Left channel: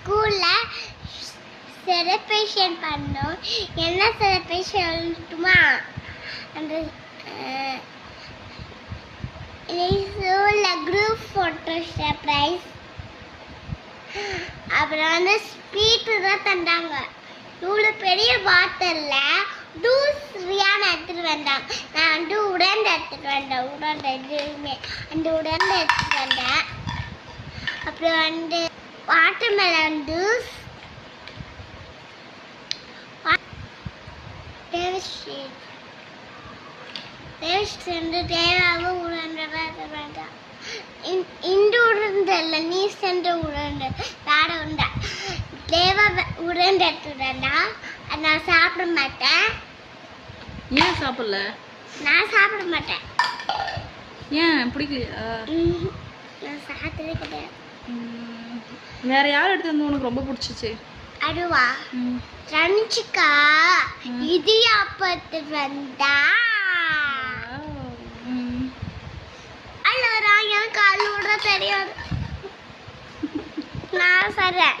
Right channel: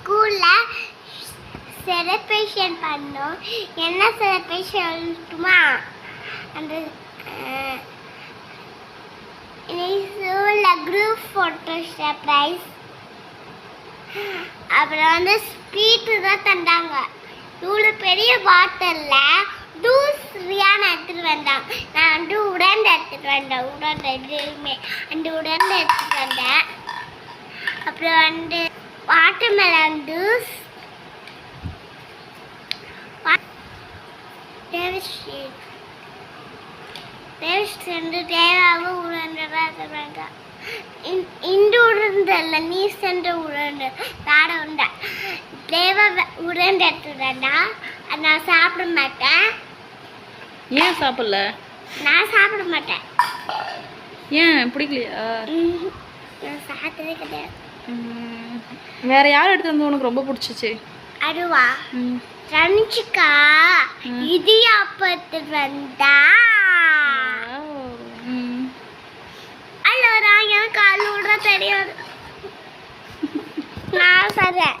ஸ்கூலில் செலிப்ரேஷன் பண்ணோம். என்ன செலிப்ரேஷன் சொல்லட்டுமா? அந்த ஸ்கூலில் குரூப் ஃபோட்டோ சர்ப்ரைஸ். அப்புறம் வந்து ஸ்வீட்டு தான் தந்தாங்க. இவ்வளோ பெரிய பாட்டிலில் ஜூஸ் ரியான் எடுத்துகிட்டு வந்தாங்க. நான் வந்து உடனே எடுத்துகிட்டு வந்தேன். உடனே எதுவுமே அந்த உடனே எடுத்துகிட்டு வந்தேன். அப்புறம் வந்து வாட்டர்மெலன் ஜூஸ், தேவாவும் உருண்டை வேண்டாம். இந்த உருண்டை இல்லை, நீ சென்ற உருண்டை வேற உண்டை. தேவா உருண்டை எடுத்துட்டா அது நான் சாப்பிட மாட்டேன். ஏன் சாப்பிடல? நான் சாப்பிட மாட்டேன். ஏன் பிடிக்கலையா? நான் சாப்பிட்டதே கிடையாது. வேற யார் எடுத்து வந்து உனக்கு ரொம்ப பிடிச்சிச்சு? அதுவா ரஞ்சிகா இடியாப்பத்து வந்தா. அல்ல எனக்கு அழுட தெரியாது. நான் சொல்றேன்.